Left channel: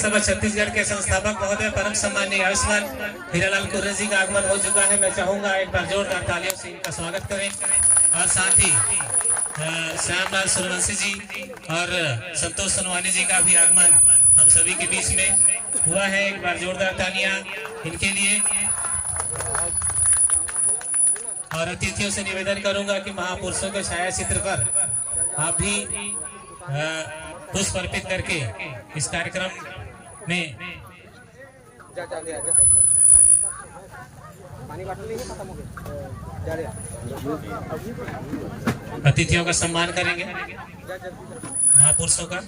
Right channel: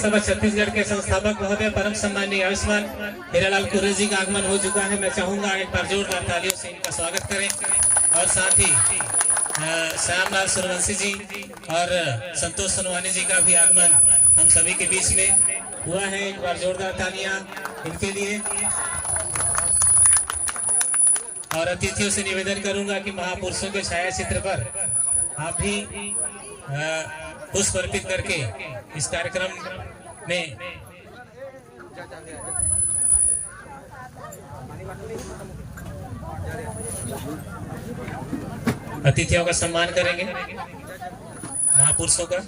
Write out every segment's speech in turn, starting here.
सभा छत्तीसगढ़ के संस्थापक महोदय परम सम्मानीय आयुष्मान हीरालाल कुर्रे जी का आगमन हो चुका है। मैं चाहूंगा एक बार जोरदार तालियों से इनका स्वागत करें और साथ ही श्यामलाल सूर्यवंशी जी और संतोष सोनवानी जी का भी आगमन हम सभी के बीच में हुआ है। एक बार जोरदार तालियां इनके लिए। और अतिथियों से निवेदन करूंगा कि महापुरुषों के छाया चित्र पर आप भी पुष्प अर्पित करके इस कार्यक्रम में अतिथियों का सम्मान करेंगे, महापुरुषों का।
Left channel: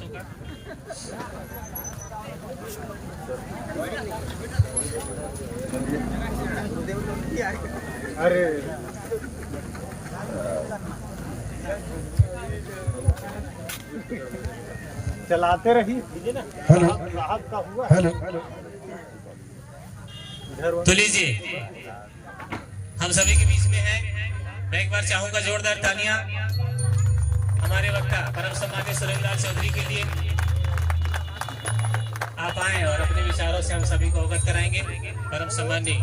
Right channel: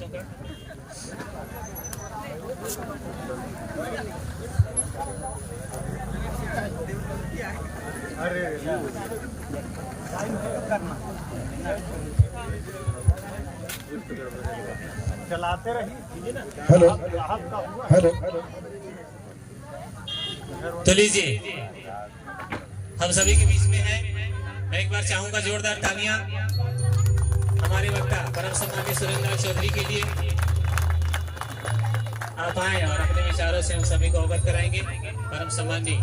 अरे चलाते रही। हेलो हेलो तो लीजिए, हम सभी के बीच में है। मैं एक बार चाहूंगा जोरदार तालियां हमारे वक्ता परम सम्मानीय सुरेंद्र लाल चौधरी के लिए। आप आए और अपने विचारों से हम सभी को अवगत कराएंगे। परम सम्मानीय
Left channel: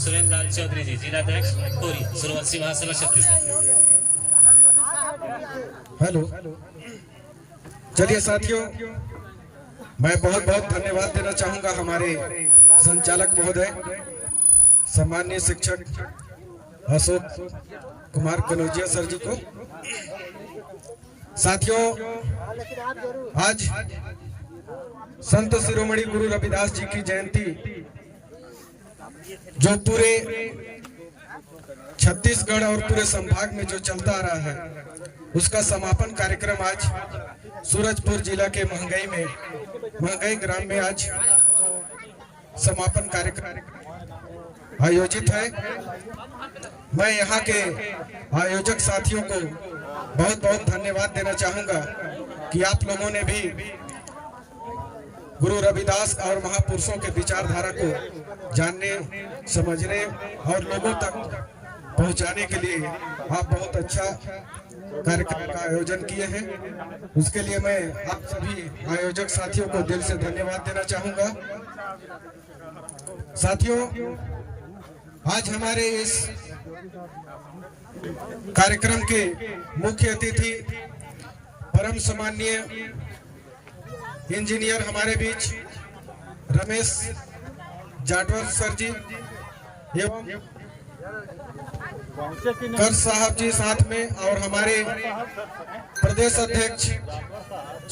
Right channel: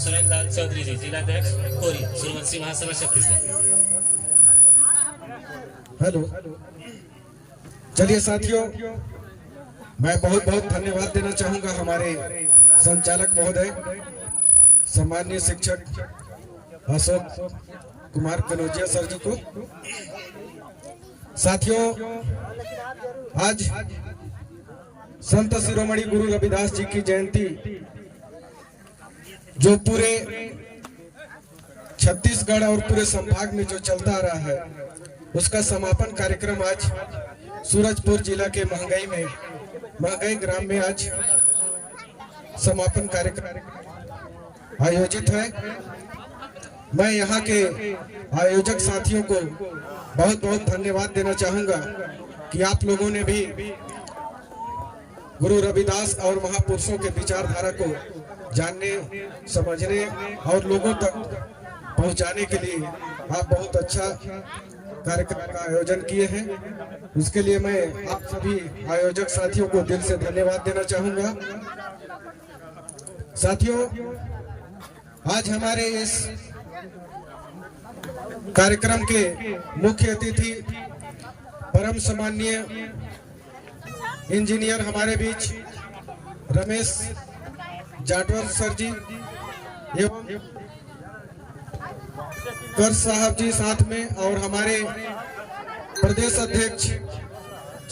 सुरेंद्र लाल चौधरी जी, जिलाध्यक्ष कोरिया सूर्यवंशी महासभा छत्तीसगढ़। हेलो। चलिए साथियों, मैं बहुत बहुत धन्यवाद देना चाहूंगा हमारे संचालक महोदय सम्मानीय शिक्षक अशोक कुमार कनौजिया सर जी को। साथियों, आज संत शिरोमणि गुरु रविदास जी की जयंती जो पूरे छत्तीसगढ़ और पूरे संभाग में जो चलता आ रहा है, उसका समापन कार्यक्रम आज सूरजपुर जिला के महंगाई ग्राम में आज समापन कार्यक्रम आयोजित है। मैं यहाँ के आयोजक साथियों को बहुत बहुत धन्यवाद देना चाहूंगा कि आप लोगों ने भी गुरु रविदास और महापुरुषों के विचारधारा को जानने, समझने और लोगों तक पहुंचाने के लिए आप बहुत अच्छा कार्यक्रम का आयोजन किए हैं। उसके लिए मैं आप सभी आयोजक साथियों को दिल से धन्यवाद देना चाहूंगा। साथियों, आज हमारे इस कार्यक्रम के मुख्य अतिथि परम सम्मानीय इंजीनियर हमारे बीच रमेश जाटवर सर जी एवं कर साहब जी साथ में, और हमारे प्रदेश अध्यक्ष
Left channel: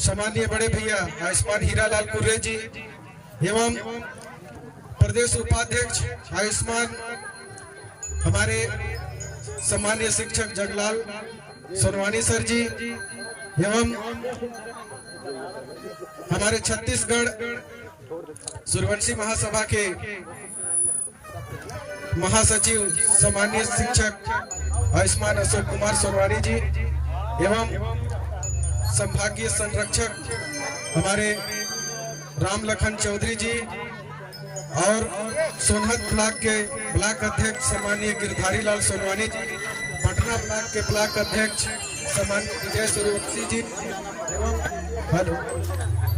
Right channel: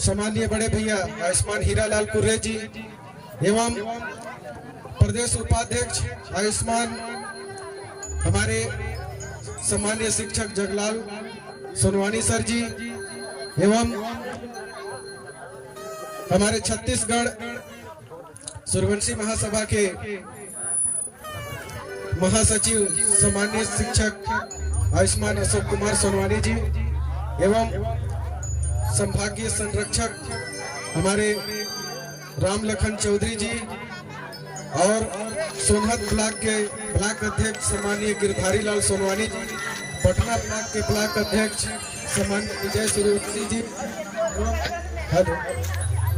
सम्मानीय बड़े भैया आयुष्मान हीरालाल कुर्रे जी एवं प्रदेश उपाध्यक्ष आयुष्मान हमारे सम्मानीय शिक्षक जगलाल सोनवानी सर जी एवं हमारे छत्तीसगढ़ सूर्यवंशी महासभा के महासचिव सम्मानीय शिक्षक आयुष्मान अशोक कुमार सोनवानी जी एवं संभागीय संरक्षक हमारे राम लखन चौधरी जी और सोनहत ब्लॉक के ब्लॉक अध्यक्ष सम्मानीय गिरधारी लाल सोनवानी जी, पटना ब्लॉक के ब्लॉक अध्यक्ष सम्मानीय विजय सूर्यवंशी जी एवं हेलो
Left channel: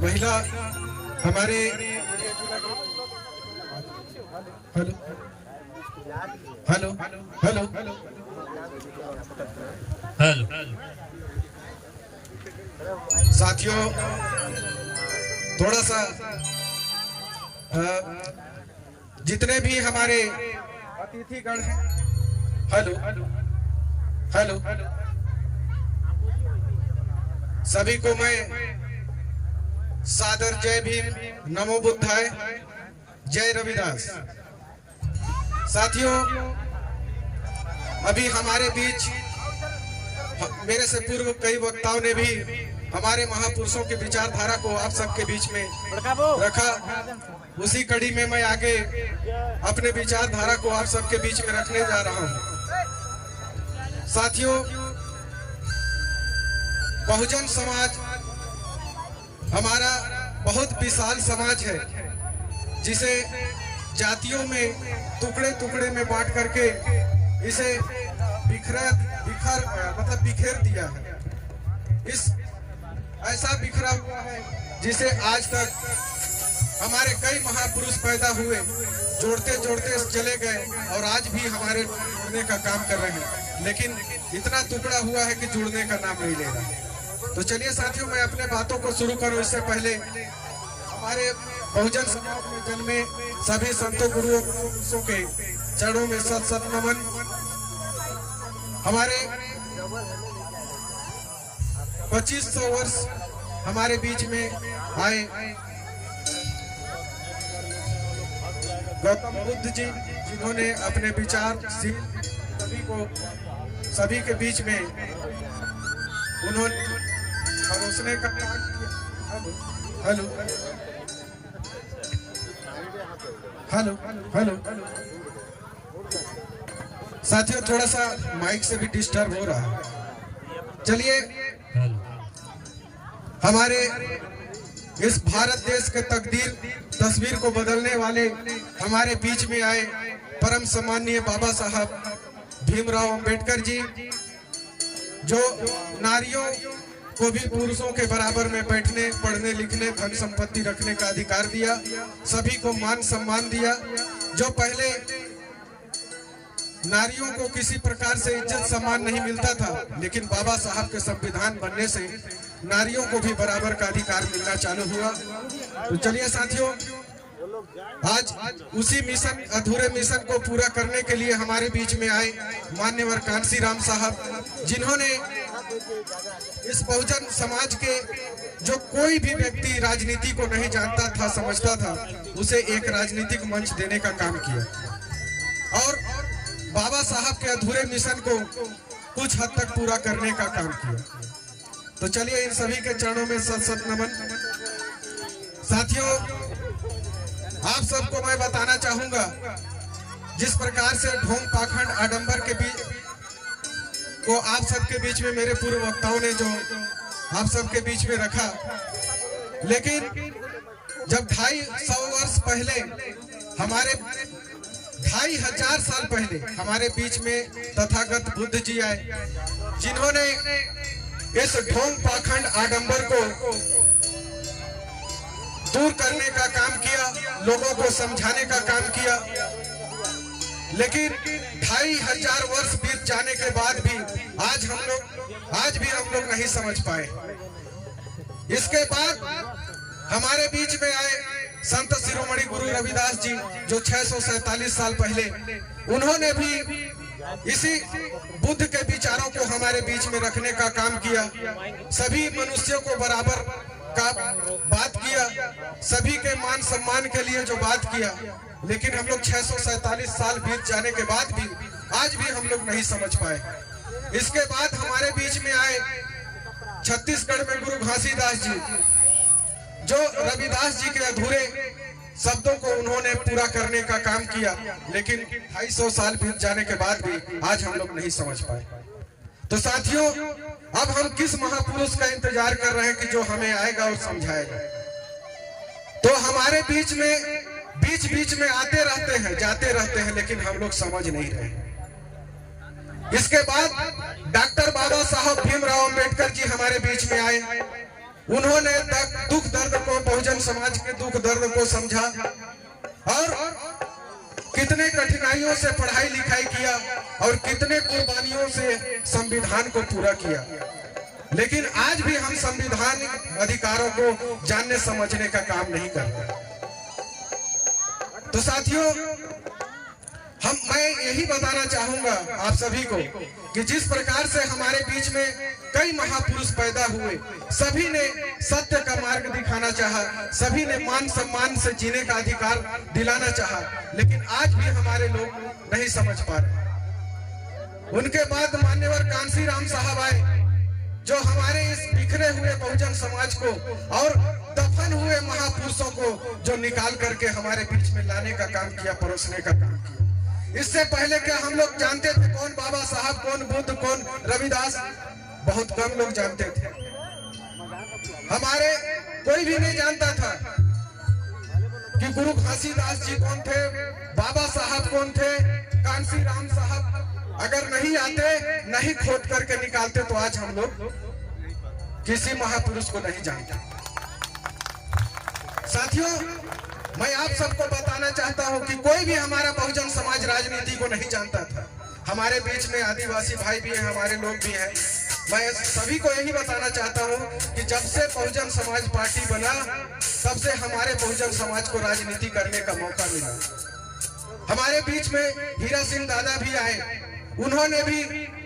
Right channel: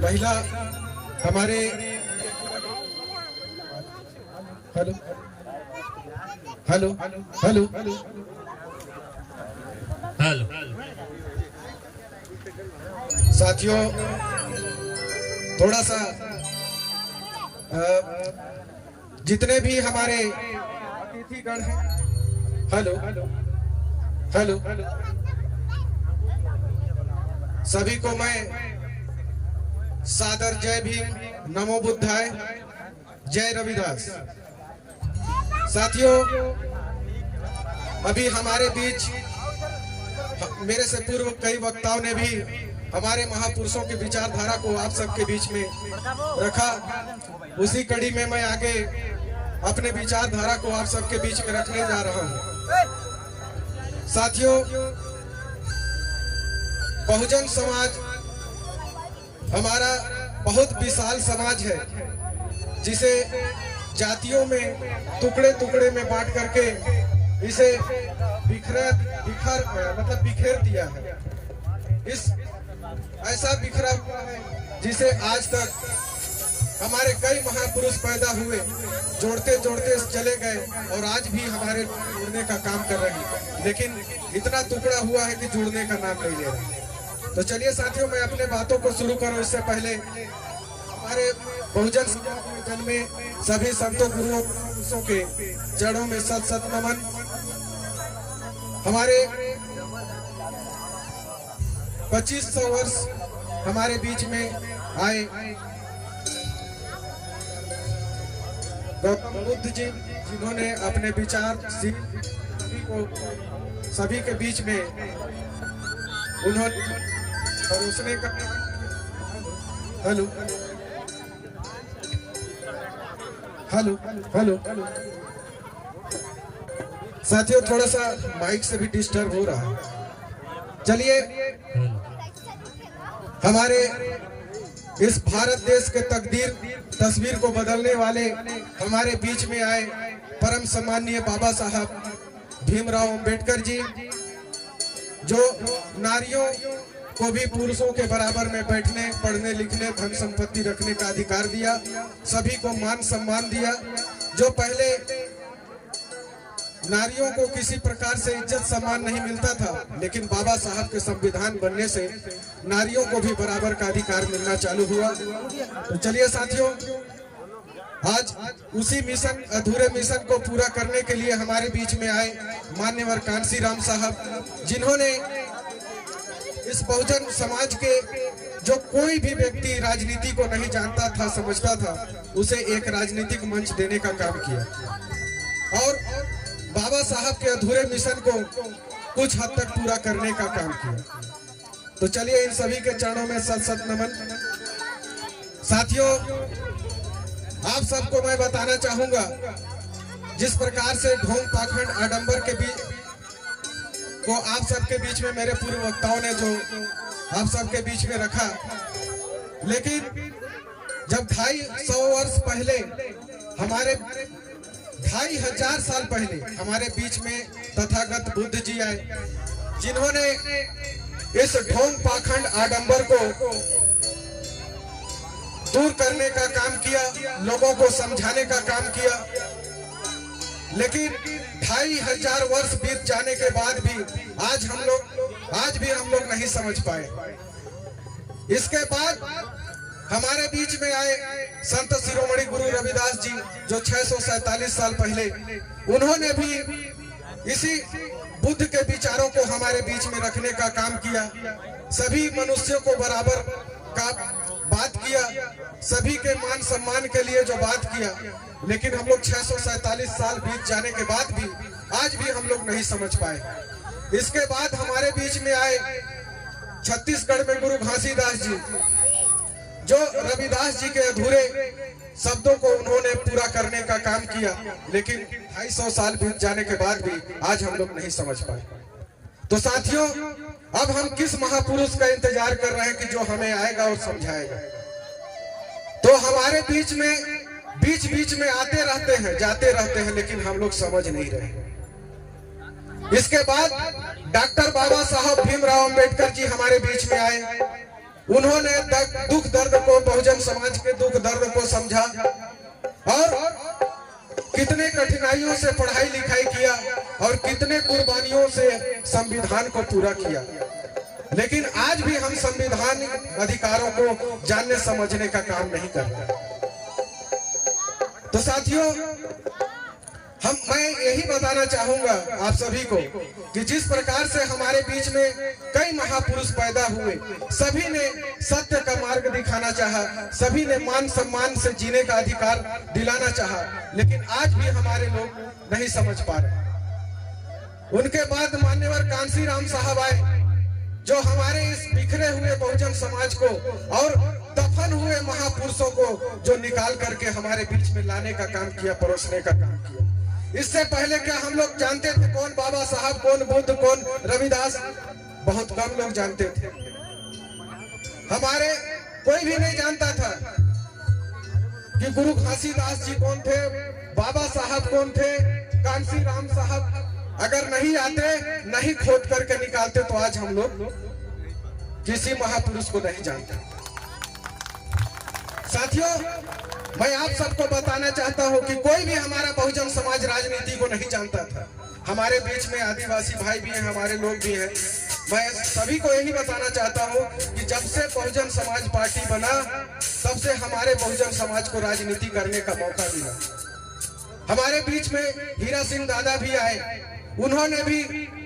महिला हमारे हेलो हेलो हेलो हेलो साथियों, थोड़ा सा जितने भी हमारे अतिथिगण हैं, हेलो हेलो सभी को मैं सादर जय भीम, नमो बुद्धाय, जय रविदास। साथियों, अभी हमारे बीच मेरे से पूर्व कई वक्ताओं ने भी हमारे महापुरुषों की विचारधारा को आप सबके बीच में रखा। उसी कड़ी में मैं आगे अपने विचारधारा को आप सबके बीच में रखने जा रहा हूं। साथियों, बहुजन समाज हमारा बहुत विशाल समाज है, जिसे जातियों में टुकड़े टुकड़े में बांट करके इसे बिखेर दिया है। इस ऐसा बिखरा हुआ है जिसे आज तक हमारे कई महापुरुष पैदा हुए, जोड़ते जोड़ते चले गए और आज भी हमारे जुड़ने का काम कर रहे हैं, लेकिन इतना टुकड़ा हुआ है कि जुड़ने का नाम नहीं ले रहा। तो चलिए साथियों, मैं अपने बातों को शुरू करूं इससे पहले हमारे बहुजन समाज में जन्मे सभी संतों गुरुओं पुरुषों के चरणों में सत सत नमन। हमारे 2500 वर्ष हमारे बीच में आए गौतम बुद्ध जी, जिन्होंने अपने विचार सभी के बीच में उन्होंने परोसने का काम किया। हेलो हेलो हेलो साथियों, थोड़ा सा माइक से भी डिस्टर्ब हो रहा है। चलिए, हमारे इस भारत देश के तस्वीर को बदलने वाले हमारे बीच में आए परम सम्माननीय बाबा साहब भीमराव अंबेडकर जी, जो नारियों को भी पुरुषों के बराबर में बैठने, पढ़ने, लिखने, धन संपत्ति रखने का अधिकार दिया, सभी को मान सम्मान दिया। जो पहले नारियों को किसी प्रकार से इज्जत सम्मान नहीं मिलता था, लेकिन बाबा साहब के संविधान बनने से नारियों को भी बराबर का अधिकार मिलना चालू हुआ। तो चलिए साथियों, आज उसी मिशन, अधूरे मिशन को पूरा करने के लिए हमारे बीच में आए मान्यवर कांसी राम साहब, जिन्होंने इस बहुजन समाज के जो कोई भी व्यक्ति राजनीति को नहीं जानता था, समझता था, उसे एक राजनीतिक मंच देने का काम किया और बाबा साहब के अधूरे मिशन को कुछ हद तक पूरा करने का काम किया। तो चलिए, इन सभी के चरणों में सत सत नमन। साथियों, आप सबको मैं बताना चाहूंगा, जिस प्रकार से ढोंग पाखंड आडंबर के बीच को आप सबके बीच में मेरे पूर्व वक्ताओं ने जो आप सबके बीच में रखा, लेकिन जब 250 वर्ष पहले, हमारे 2500 साल पहले हमारे बीच में तथागत बुद्ध जी आए, जिन्होंने इस ढोंग पाखंड आडंबर को दूर करने का काम किया, लोगों को समझाने का काम किया। लेकिन 2500 वर्ष बीत जाने के बाद भी आज भी हम लोग नहीं समझ पाए। इसके बाद हमारे बीच में आए संत शिरोमणि गुरु रविदास जी, जो 647 साल पहले, उन्होंने भी इसी बुद्ध के विचारों को हमारे बीच में रखने का काम किया। सभी मनुष्यों को बराबर का बात किया, सभी के मान सम्मान के लिए जो बात किया, लेकिन हम लोग 647 साल बीत जाने के बाद भी आज भी हम लोग नहीं समझ पाए। इसके बाद हमारे बीच में आए छत्तीसगढ़ में गुरु घासीदास जी, जो रविदास जी के अधूरे शब्दों को उन्होंने पूरा करने का काम किया, लेकिन 250 साल बीत जाने के बाद भी आज हम लोग नहीं समझ पाए। तो साथियों, अब हम किस महापुरुष का इंतजार कर रहे हैं कि जो हमें आएगा और समझाएगा। तो हमारे बीच में आते रहते हैं, जाते रहते हैं, लेकिन हम लोग समझ नहीं रहे। इसके बाद डॉक्टर बाबा साहब भीमराव अंबेडकर जी हमारे बीच में आए। उन्होंने दुख दर्द को, बहुजन समाज के दुख दर्द को समझा और कितने कठिनाइयों से पढ़ाई लिखाई किया और कितने कुर्बानियों से संविधान को पूरा किया। लेकिन आज भी हम संविधान अधिकारों को जानने समझने का काम नहीं कर रहे। तो साथियों, मैं यही बताना चाहूंगा आप सभी को कि जिस प्रकार से हमारे बीच में कई महापुरुष पैदा हुए, सभी ने सत्य का मार्ग दिखाना चाहा, सभी ने मान सम्मान से जीने का अधिकार दिलाना चाहा, लेकिन आज भी हमारे लोग नहीं समझ पा रहे। उनके बाद मान्यवर कांसी राम साहब आए, जो हमारे इस बिखरे हुए बहुजन समाज को और दफन हुए महापुरुषों को जो निकाल करके हमारे बीच में लाने का काम किया, परोसने का काम किया। इससे पहले क्या हम लोग जानते थे कौन बाबा साहब, कौन बुद्ध, कौन रविदास? बहुत कम लोग जानते थे। हमारे कोई भी नहीं जानता था कि गुरु घासीदास जी कौन थे, बाबा साहब कौन थे, कांसी राम साहब अगर नहीं आते, नहीं खोद करके निकालते, तो आज हम लोग किसी महापुरुष को नहीं जानते। साथ साथियों, मैं आप सबको बताना चाहता हूं कि कोई भी हमारा बहुजन समाज राजनीति को नहीं जानता था। हमारे बीच में आदिवासी भाई भी हैं, हमारे लोग भी हैं। मैं सभी को यही बताना चाहता हूं कि जब से बहुजन समाज पार्टी बना तब से हमारे बहुजन समाज को राजनीति करने का मौका मिला। हमारे बीच में हीरा सिंह दादा भी आए, उन्होंने भी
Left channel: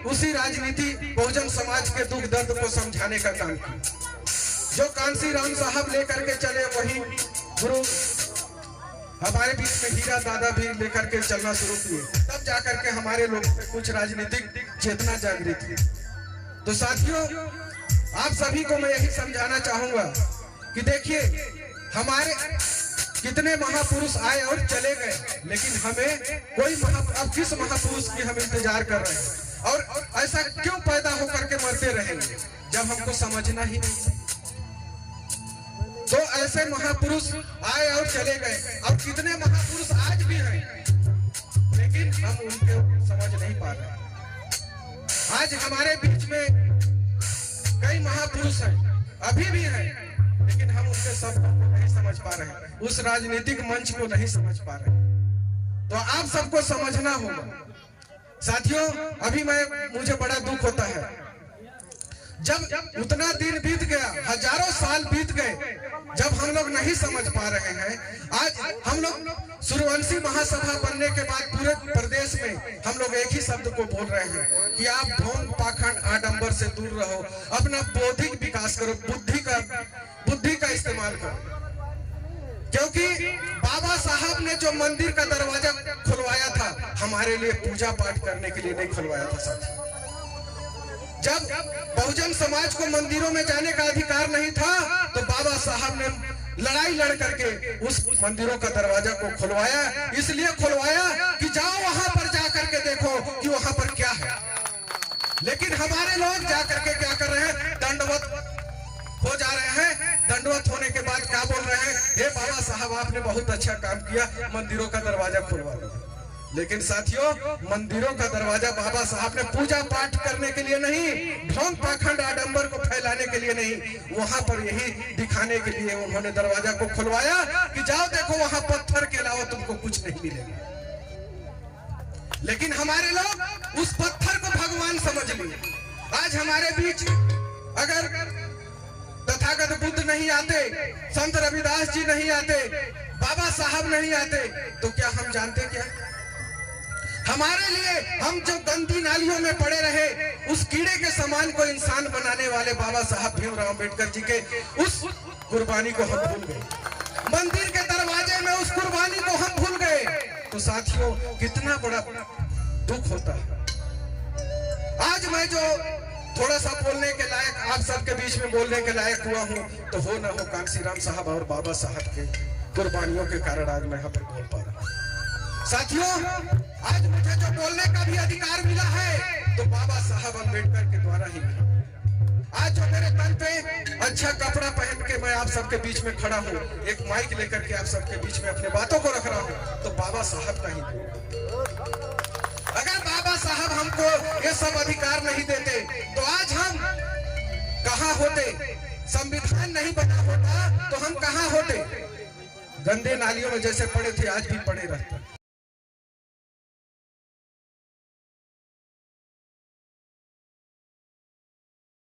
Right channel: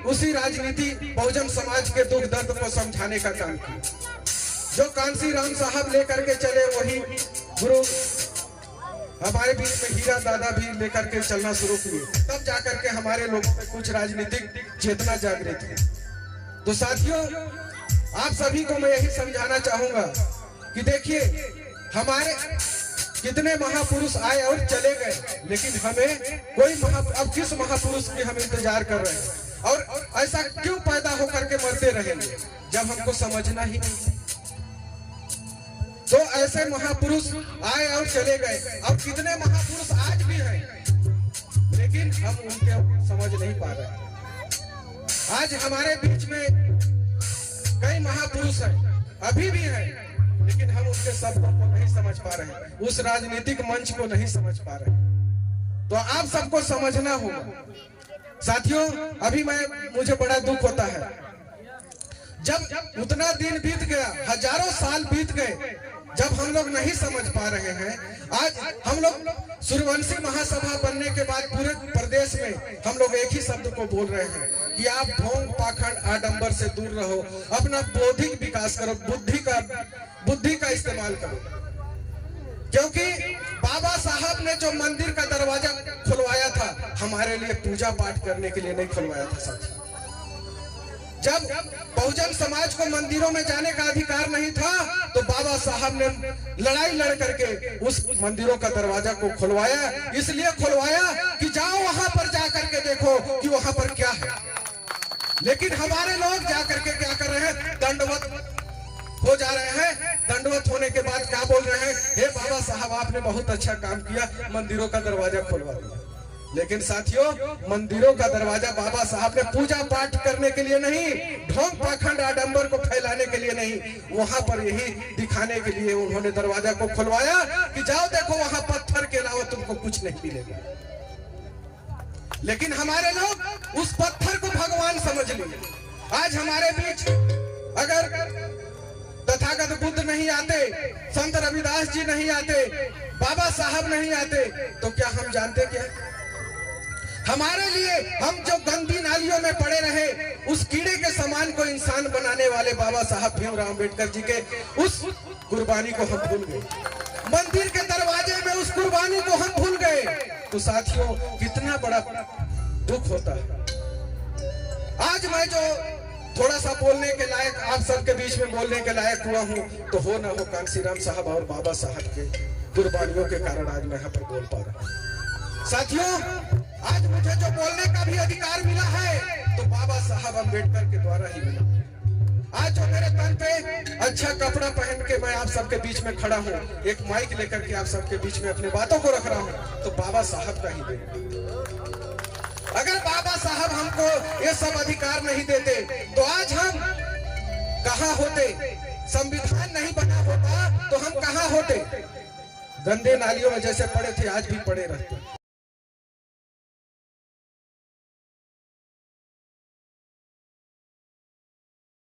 उसी राजनीति बहुजन समाज के दुख दर्द को समझाने का काम किया। जो कांसी राम साहब लेकर के चले वही गुरु हमारे बीच में हीरा दादा भी लेकर के चलना शुरू किए, तब जाकर के हमारे लोग कुछ राजनीतिक चेतना जागृत हुई। तो साथियों, आप सभी को मैं यही समझाना चाहूंगा कि देखिए, हमारे कितने महापुरुष आए और चले गए, लेकिन हमें कोई अब किस महापुरुष की हम इंतजार कर रहे हैं और ऐसा क्यों पैदा होकर के मरते रहेंगे जब हमको समझना ही नहीं। तो ऐसे महापुरुष आए और चले गए, अब कितने महापुरुष आज भी हैं, लेकिन हम उनके समझ नहीं पा रहे। आज हमारे बीच में कई महापुरुष हैं, अभी भी हैं, लेकिन हम उनके शब्दों को नहीं समझ पा रहे, उस राजनीतिक मंच को नहीं समझ पा रहे। तो आप सबको समझना होगा। साथियों, अभी मुझे बड़ा दुख होता है, जब उतना दिन बीत गया, हजारों साल बीत गए, जब हम लोग नहीं समझ पा रहे हैं। आज हम लोग सूर्यवंशी महासभा बनने के बाद पूरे प्रदेश में हम लोग एक ही शब्द को बोल रहे हैं कि आप ढोंग पाखंड आडंबर से दूर रहो, अपना बौद्धिक विकास करो, बुद्धि का इस्तेमाल करो। क्योंकि बाबा साहब ने जो मंदिर का दरवाजा खुलवाया था, हमारे लिए पूजा पाठ करने के लिए नहीं खुलवाया था साथी। जब बहुजन समाज को मंदिरों में जाने का अधिकार नहीं था, तो बाबा साहब ने लड़ाई लड़ करके उस मंदिरों का दरवाजा को खुलवाया। इसलिए खुलवाया कि जाओ वहां पर जा करके देखो कि वहां पर क्या है। लेकिन हमारे लोग जा करके क्या कर रहे हैं, दंडवत हो जा रहे हैं। दंडवत होने के बाद क्या बोल रहे हैं, हे बाबा साहब आपने बहुत अच्छा काम किया, मंदिरों का दरवाजा खुलवा दिया। लेकिन साथियों, मंदिरों का दरवाजा बाबा साहब ने पूजा पाठ करने के लिए नहीं, ढोंग पाखंड आडंबर को फैलाने के लिए नहीं, वहां पर यही दिखाने के लिए उन्होंने दरवाजा को खुलवाया कि जाओ देखो वहां पत्थर के अलावा तुमको कुछ नहीं मिलेगा। लेकिन हमारे लोग उस पत्थर को भगवान समझ लिए। आज हमारे बीच अगर तथागत बुद्ध नहीं आते, संत रविदास जी नहीं आते, बाबा साहब नहीं आते, तो क्या हम जानते क्या? हमारे लिए हम जो गंदी नालियों में पड़े रहे, उस कीड़े के समान को इंसान बनाने वाले बाबा साहब भीमराव अम्बेडकर जी के उस कुर्बानी को हम भूल गए। मंदिर के दरवाजे में उस कुर्बानी को हम भूल गए। तो साथियों, कितना बड़ा दुख होता है। आज मैं जो थोड़ा सा बोलने के लायक आप सबके बीच में बोलने के लायक हुआ हूँ, तो हो ना हो कांसीराम साहब और बाबा साहब के कुर्बानियों के कारण आज मैं यहाँ पर बोल पा रहा हूँ। साथियों, आज मुझे जो बोलने का भी अधिकार मिला है, तो बाबा साहब अम्बेडकर के द्वारा ही मिला। आज जो मेरे तन पे अच्छा कपड़ा पहन के मैं आप सबके बीच में खड़ा हूँ, एक माइक लेकर के आप सबके बीच में अपने बातों को रख रहा हूँ, तो बाबा साहब का ही देन। अगर बाबा साहब हमको ये सब अधिकार नहीं देते, तो आज हम कहाँ होते? संविधान नहीं बना होता तो हम कहाँ होते? गंदे नालियों में जैसे पड़े थे, आज भी पड़े रहते।